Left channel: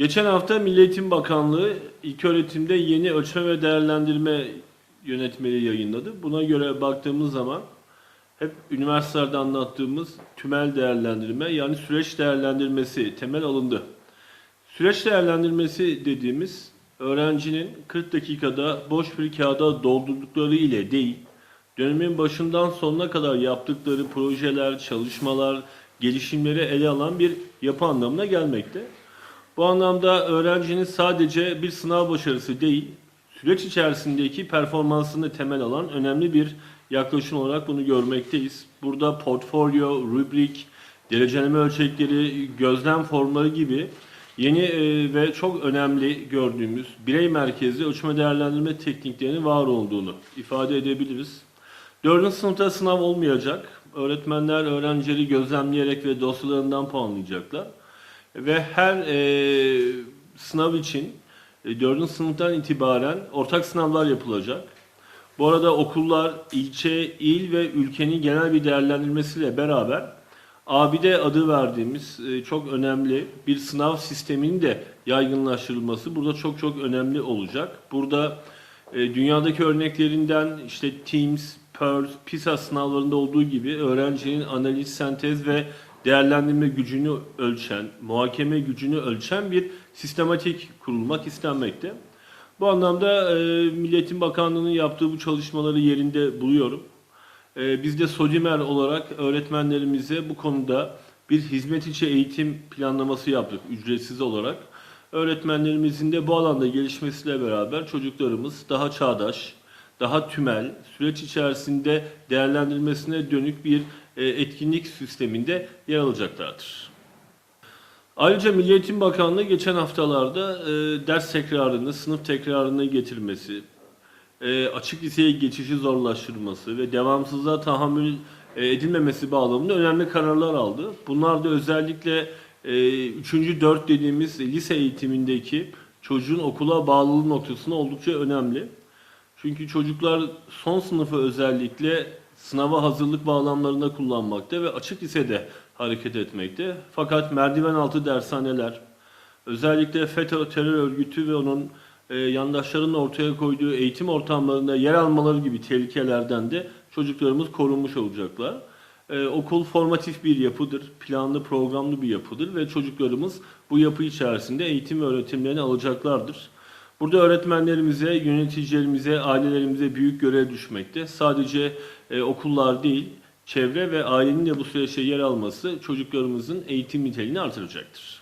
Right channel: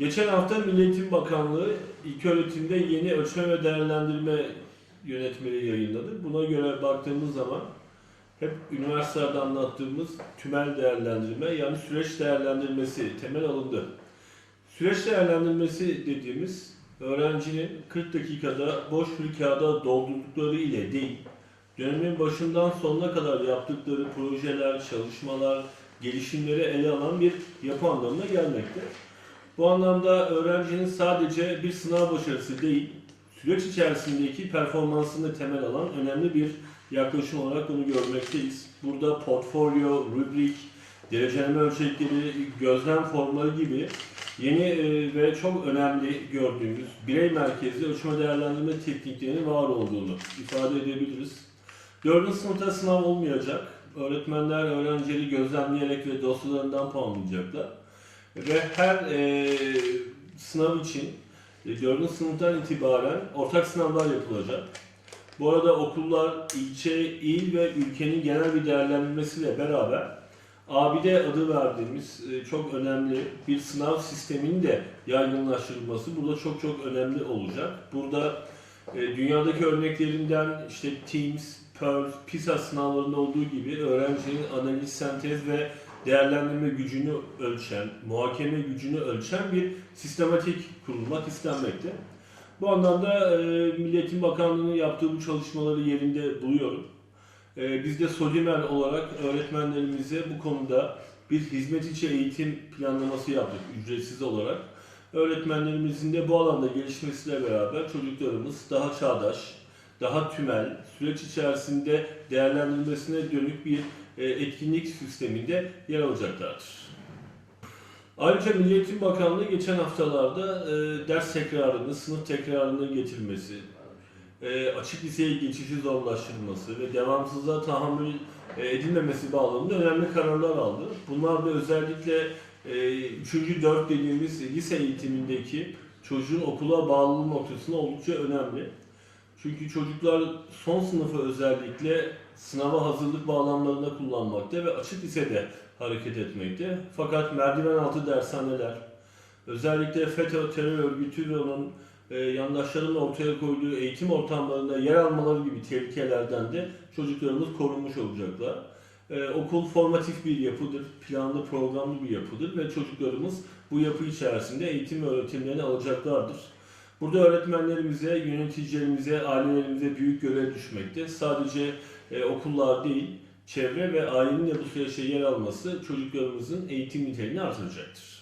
Geçen hafta Milli Eğitim Bakanlığı ilköğretimde yeni ölçme ve değerlendirme yönetmeliği yayınladı. Buna göre baktığımız zaman hep üniversitelerde anlattığımız tümel değerlendirme yani süreç değerlendirmesi temel alındı. Süreç değerlendirmesi dediğimiz öğrencinin 40 dakikada boş bir kağıda doldurdukları ile değil, dönemin başından sonuna kadar yaptıkları projeler, çalışmalar, gelişimleri ele alan bir yapı anlamına gelmekte. Bu anlamda öğrencinin sadece bir sınav başarısı değil, süreç içerisindeki performansını temel alan önemli bir yaklaşım olarak bunu görmekteyiz. Burada portfolyo, rubrik, dereceleme ölçekleri, gözlem formları gibi yeni e, ve çok önemli gördüğümüz birey merkezli ölçme değerlendirme tekniklerinin var olduğunu ifade edebiliriz. Dördüncü sınıfta sınav olmayacak. Öğretmenler öğrencileri gözlemleyerek ve dosyalarından puanlayacaklar. Ve her e, sınav için e, 4. sınıftan itibaren ortak sınavlar yapılacak. Bu arada okullar ilçe, il ve ülkenin genel bir değerlendirmesiyle beraber ABİDE adı verdiğimiz e, çok önemli bir sınav sisteminin de yaygınlaştırılması burada çok çok önemli olacak. Burada e, dünyadaki örneklerinden işte Teams, Pearl, PISA sınavlarında olduğu gibi öğrencinin analiz, sentez ve değerlendirme gücünü ölçen, muhakeme gücünü ölçen bir sistematik kurulmak istenmekte. Bu anlamda e, Milli Eğitim Bakanlığı'nın yaptığı bu çalışmaları yerinde buluyorum. E, biz de Sodimer olarak öğretmenlerimize bu konuda bir hizmet içi eğitim planlaması yaptık ücretsiz olarak. Öğretmenlerimizin de bu alanda gelişmesiyle beraber çocuklarımız daha çağdaş, daha tümel, süreç içerisinde değerlendirmesine dönük bir etkinlik sisteminde yer alacaklardır. Ayrıca Milli Eğitim Bakanlığı geçen haftalarda e, ders tekrarını, sınıf tekrarını getirmesi, e, açık liseye geçişi zorlaştırması ve devamsızlığa tahammül e, edilmemesi bağlamında önemli kararlar aldı. Bunlar da özellikle e, 3. 4 dediğimiz lise eğitimindeki çocuğun okula bağlılığı noktasında oldukça önemli. Çünkü çocuklar son sınıfı özellikle sınava hazırlık bağlamlarında kullanmakta ve açık lisede hareket etmekte. Fakat merdiven altı dershaneler, özellikle FETÖ terör örgütü ve onun e, yandaşlarının ortaya koyduğu eğitim ortamlarında yer almaları gibi tehlikelerden de çocuklarımız korunmuş olacaklar. E, okul formatif bir yapıdır, planlı programlı bir yapıdır ve çocuklarımız bu yapı içerisinde eğitim ve öğretimlerini alacaklardır. Burada öğretmenlerimize, yöneticilerimize, ailelerimize büyük görev düşmekte. Sadece e, okullar değil, çevre ve ailenin de bu süreçte yer alması çocuklarımızın eğitim niteliğini artıracaktır.